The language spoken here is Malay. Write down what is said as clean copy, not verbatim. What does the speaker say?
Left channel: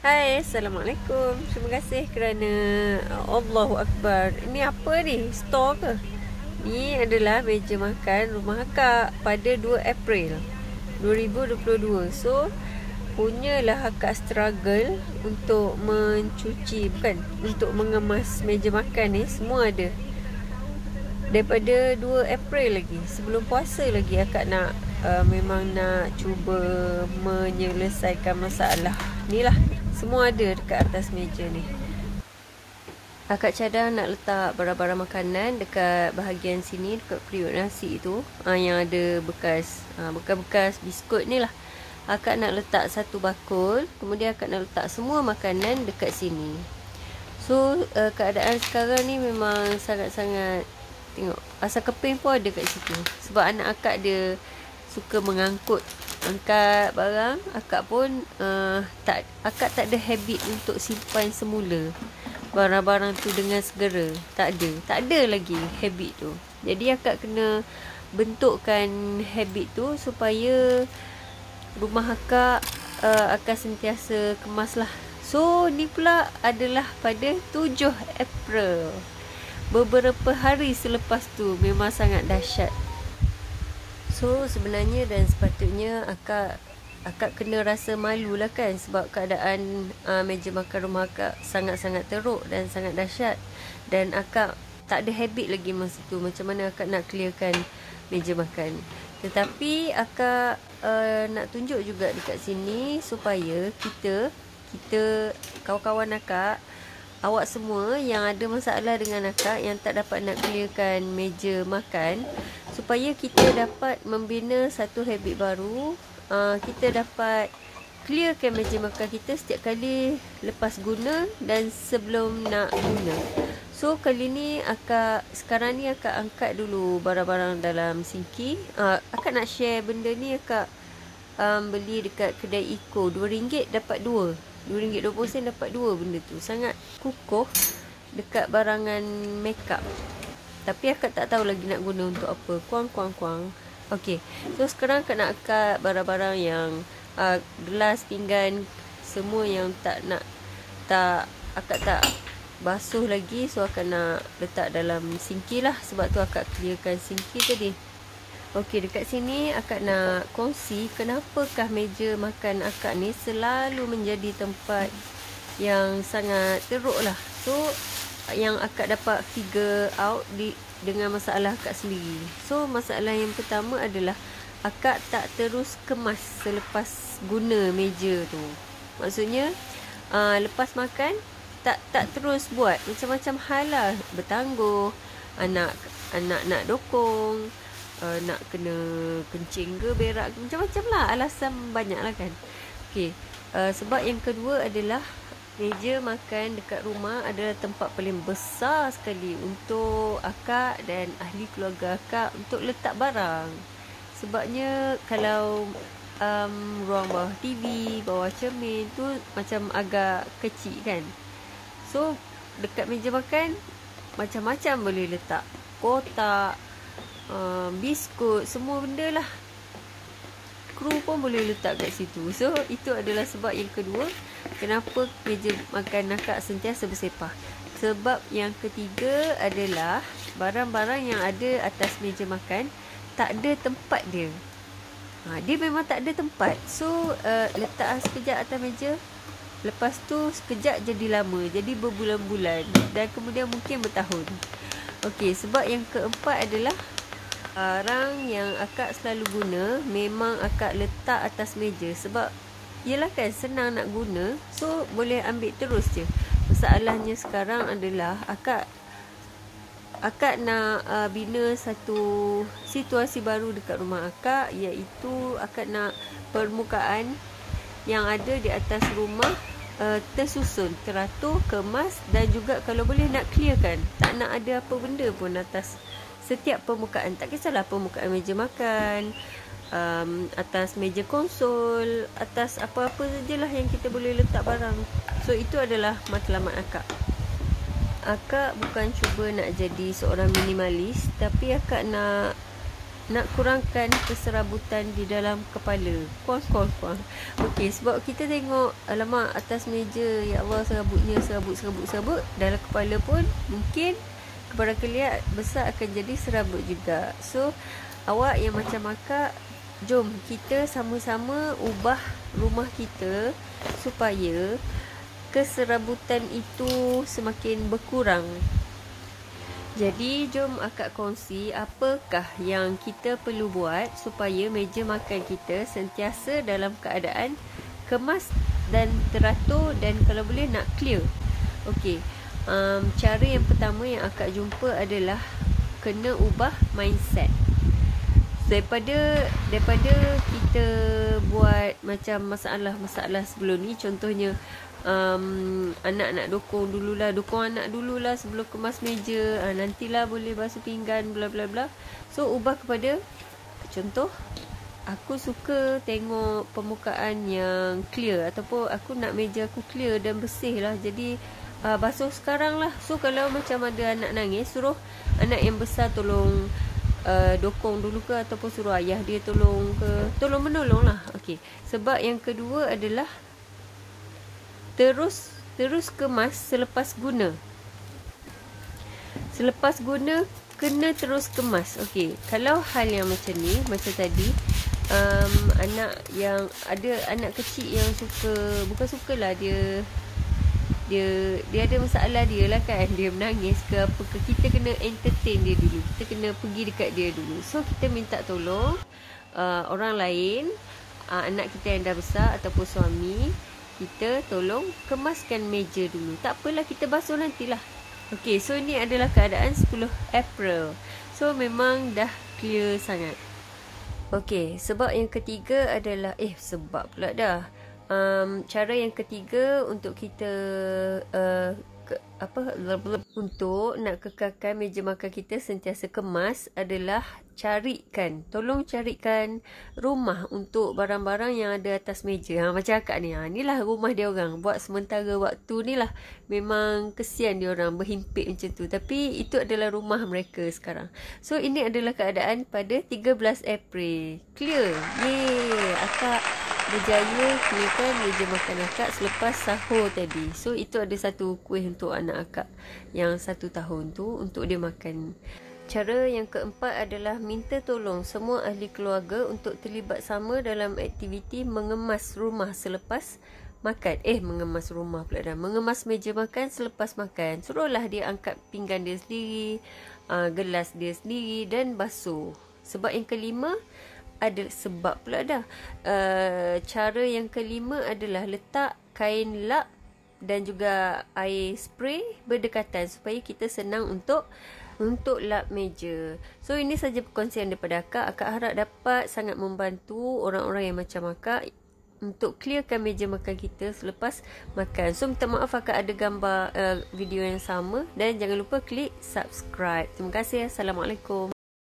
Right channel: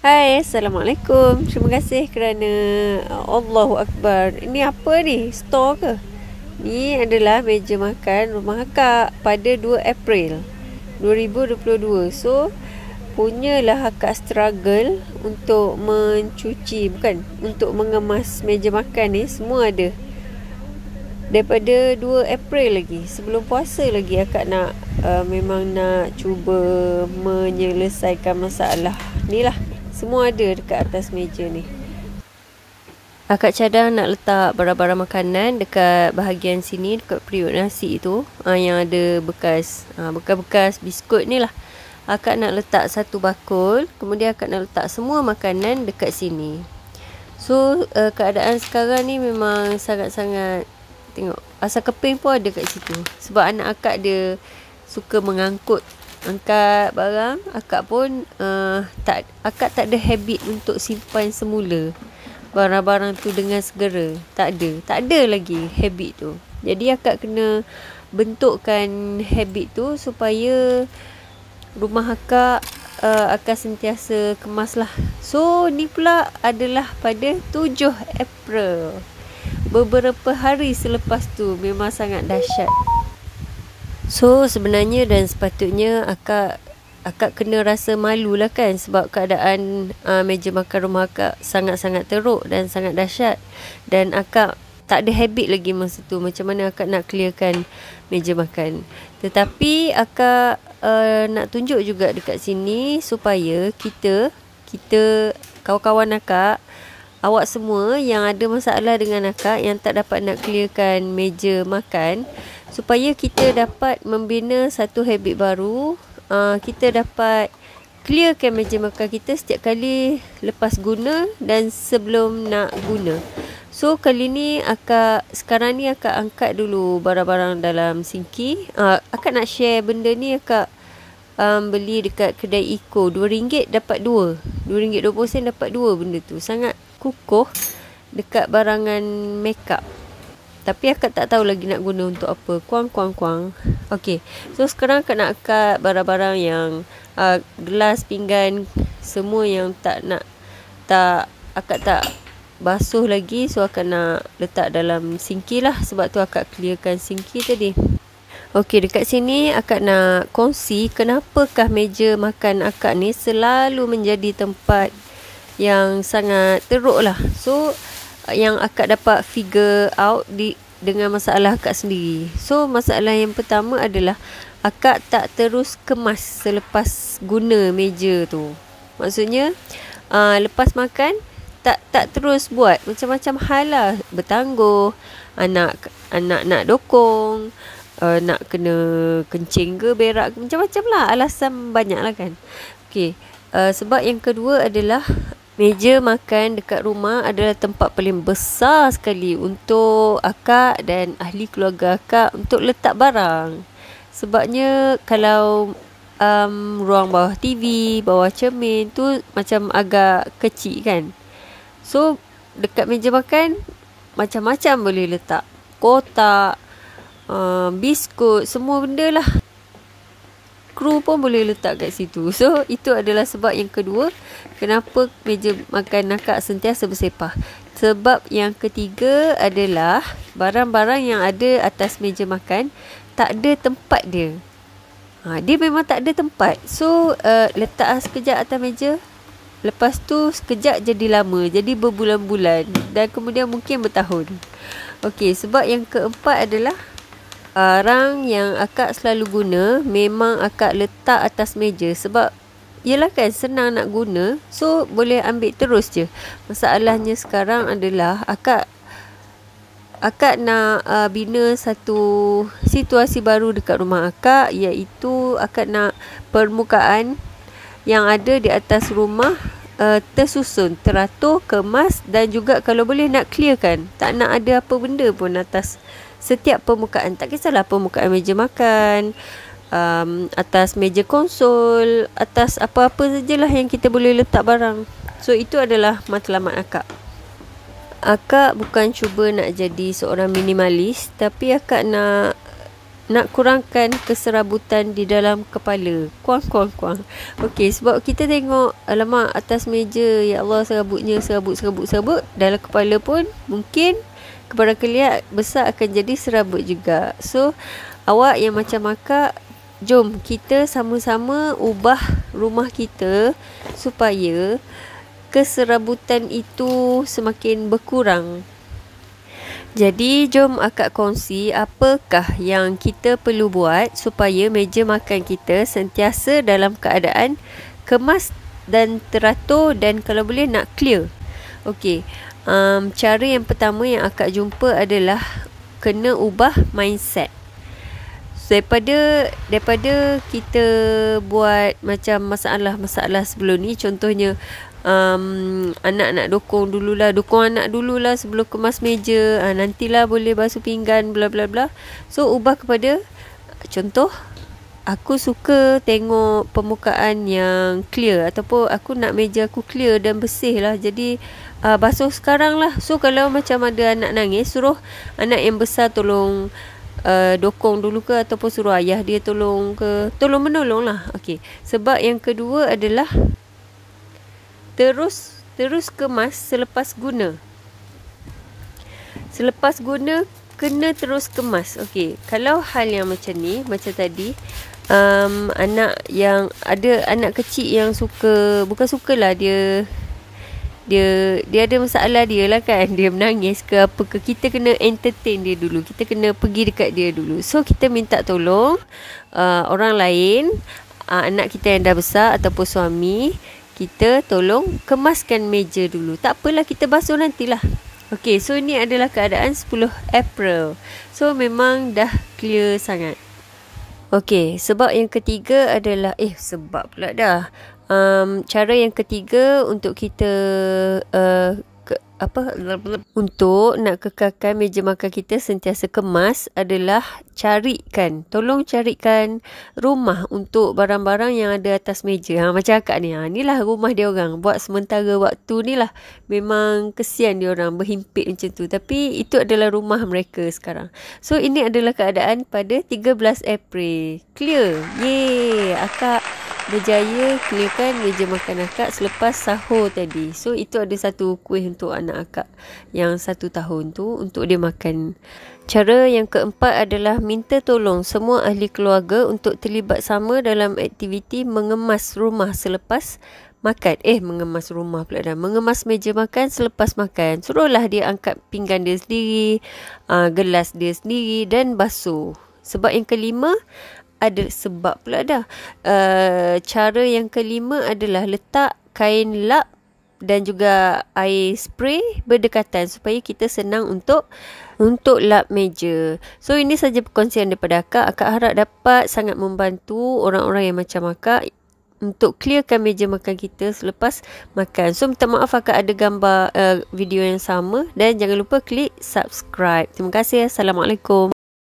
Hai, Assalamualaikum. Terima kasih kerana Allahu Akbar. Ini apa ni? Store ke? Ni adalah meja makan rumah akak pada 2 April 2022. So, punyalah akak struggle untuk mencuci, bukan, untuk mengemas meja makan ni. Semua ada. Daripada 2 April lagi, sebelum puasa lagi akak nak memang nak cuba menyelesaikan masalah ni lah. Semua ada dekat atas meja ni. Akak cadang nak letak barang-barang makanan dekat bahagian sini, dekat periuk nasi tu, yang ada bekas biskut ni lah. Akak nak letak satu bakul, kemudian akak nak letak semua makanan dekat sini. So keadaan sekarang ni memang sangat-sangat, tengok, asam keping pun ada kat situ. Sebab anak akak dia suka angkat barang. Akak pun akak tak ada habit untuk simpan semula barang-barang tu dengan segera. Tak ada lagi habit tu. Jadi akak kena bentukkan habit tu supaya rumah akak akan sentiasa kemas lah. So ni pula adalah pada 7 April. Beberapa hari selepas tu memang sangat dahsyat. So sebenarnya dan sepatutnya akak kena rasa malu lah kan, sebab keadaan meja makan rumah akak sangat-sangat teruk dan sangat dahsyat. Dan akak tak ada habit lagi masa tu macam mana akak nak clearkan meja makan. Tetapi akak nak tunjuk juga dekat sini supaya kita kawan-kawan akak, awak semua yang ada masalah dengan akak, yang tak dapat nak clearkan meja makan, supaya kita dapat membina satu habit baru. Kita dapat clearkan meja makan kita setiap kali lepas guna dan sebelum nak guna. So kali ni sekarang ni akak angkat dulu barang-barang dalam sinki. Akak nak share benda ni. Akak beli dekat kedai Eco, RM2 dapat 2. RM2.20 dapat 2 benda tu. Sangat kukuh dekat barangan makeup. Tapi akak tak tahu lagi nak guna untuk apa. Kuang. Okey. So sekarang akak nak angkat barang-barang yang gelas, pinggan, semua yang akak tak basuh lagi. So akak nak letak dalam sinki lah. Sebab tu akak clearkan sinki tadi. Okey, dekat sini akak nak kongsi kenapakah meja makan akak ni selalu menjadi tempat yang sangat teruk lah. So yang akak dapat figure out dengan masalah akak sendiri. So masalah yang pertama adalah akak tak terus kemas selepas guna meja tu. Maksudnya lepas makan tak terus buat macam-macam hal lah. Bertangguh, anak nak dokong, nak kena kencing ke berak, macam-macam lah, alasan banyak lah kan. Okay. Sebab yang kedua adalah meja makan dekat rumah adalah tempat paling besar sekali untuk akak dan ahli keluarga akak untuk letak barang. Sebabnya kalau ruang bawah TV, bawah cermin tu macam agak kecil kan. So dekat meja makan macam-macam boleh letak. Kotak, biskut, semua benda lah. Kru pun boleh letak kat situ. So itu adalah sebab yang kedua kenapa meja makan akak sentiasa bersepah. Sebab yang ketiga adalah barang-barang yang ada atas meja makan tak ada tempat dia. Dia memang tak ada tempat. So letak sekejap atas meja, lepas tu sekejap jadi lama, jadi berbulan-bulan dan kemudian mungkin bertahun. Okey, sebab yang keempat adalah barang yang akak selalu guna memang akak letak atas meja. Sebab yelah kan, senang nak guna, so boleh ambil terus je. Masalahnya sekarang adalah akak nak bina satu situasi baru dekat rumah akak, iaitu akak nak permukaan yang ada di atas rumah tersusun, teratur, kemas dan juga kalau boleh nak clearkan. Tak nak ada apa benda pun atas setiap permukaan. Tak kisahlah permukaan meja makan, atas meja konsol, atas apa-apa sajalah yang kita boleh letak barang. So itu adalah matlamat akak. Akak bukan cuba nak jadi seorang minimalis, tapi akak nak nak kurangkan keserabutan di dalam kepala. Kuang. Okey, sebab kita tengok alamak atas meja, ya Allah, serabutnya serabut. Dalam kepala pun mungkin kepada kelihat besar akan jadi serabut juga. So awak yang macam akak, jom kita sama-sama ubah rumah kita supaya keserabutan itu semakin berkurang. Jadi jom akak kongsi apakah yang kita perlu buat supaya meja makan kita sentiasa dalam keadaan kemas dan teratur, dan kalau boleh nak clear. Okey, cara yang pertama yang akak jumpa adalah kena ubah mindset. Daripada kita buat macam masalah sebelum ni, contohnya anak nak dokong anak dululah sebelum kemas meja, nantilah boleh basuh pinggan bla bla bla. So ubah kepada contoh, aku suka tengok permukaan yang clear, ataupun aku nak meja aku clear dan bersih lah, jadi basuh sekarang lah. So kalau macam ada anak nangis, suruh anak yang besar tolong dokong dulu ke, ataupun suruh ayah dia tolong menolong lah. Okey, sebab yang kedua adalah terus kemas selepas guna. Selepas guna kena terus kemas. Okey, kalau hal yang macam ni, macam tadi, anak yang ada anak kecil yang bukan sukalah dia ada masalah dia lah kan, dia menangis ke apa ke, kita kena entertain dia dulu, kita kena pergi dekat dia dulu. So kita minta tolong orang lain, anak kita yang dah besar ataupun suami kita, tolong kemaskan meja dulu. Tak apalah, kita basuh nantilah. Okey, so ini adalah keadaan 10 April. So memang dah clear sangat. Okey, sebab yang ketiga adalah cara yang ketiga untuk kita untuk nak kekalkan meja makan kita sentiasa kemas adalah tolong carikan rumah untuk barang-barang yang ada atas meja. Macam akak ni, inilah rumah dia orang buat sementara waktu ni lah. Memang kesian dia orang berhimpit macam tu, tapi itu adalah rumah mereka sekarang. So ini adalah keadaan pada 13 April. Clear. Yeay, akak berjaya clearkan meja makan akak selepas sahur tadi. So itu ada satu kuih untuk anak akak yang 1 tahun tu untuk dia makan. Cara yang keempat adalah minta tolong semua ahli keluarga untuk terlibat sama dalam aktiviti mengemas rumah selepas makan. Mengemas meja makan selepas makan. Suruhlah dia angkat pinggan dia sendiri, gelas dia sendiri dan basuh. Sebab yang kelima cara yang kelima adalah letak kain lap dan juga air spray berdekatan supaya kita senang untuk lap meja. So ini saja perkongsian daripada akak. Akak harap dapat sangat membantu orang-orang yang macam akak untuk clearkan meja makan kita selepas makan. So minta maaf akak ada gambar video yang sama, dan jangan lupa klik subscribe. Terima kasih. Assalamualaikum.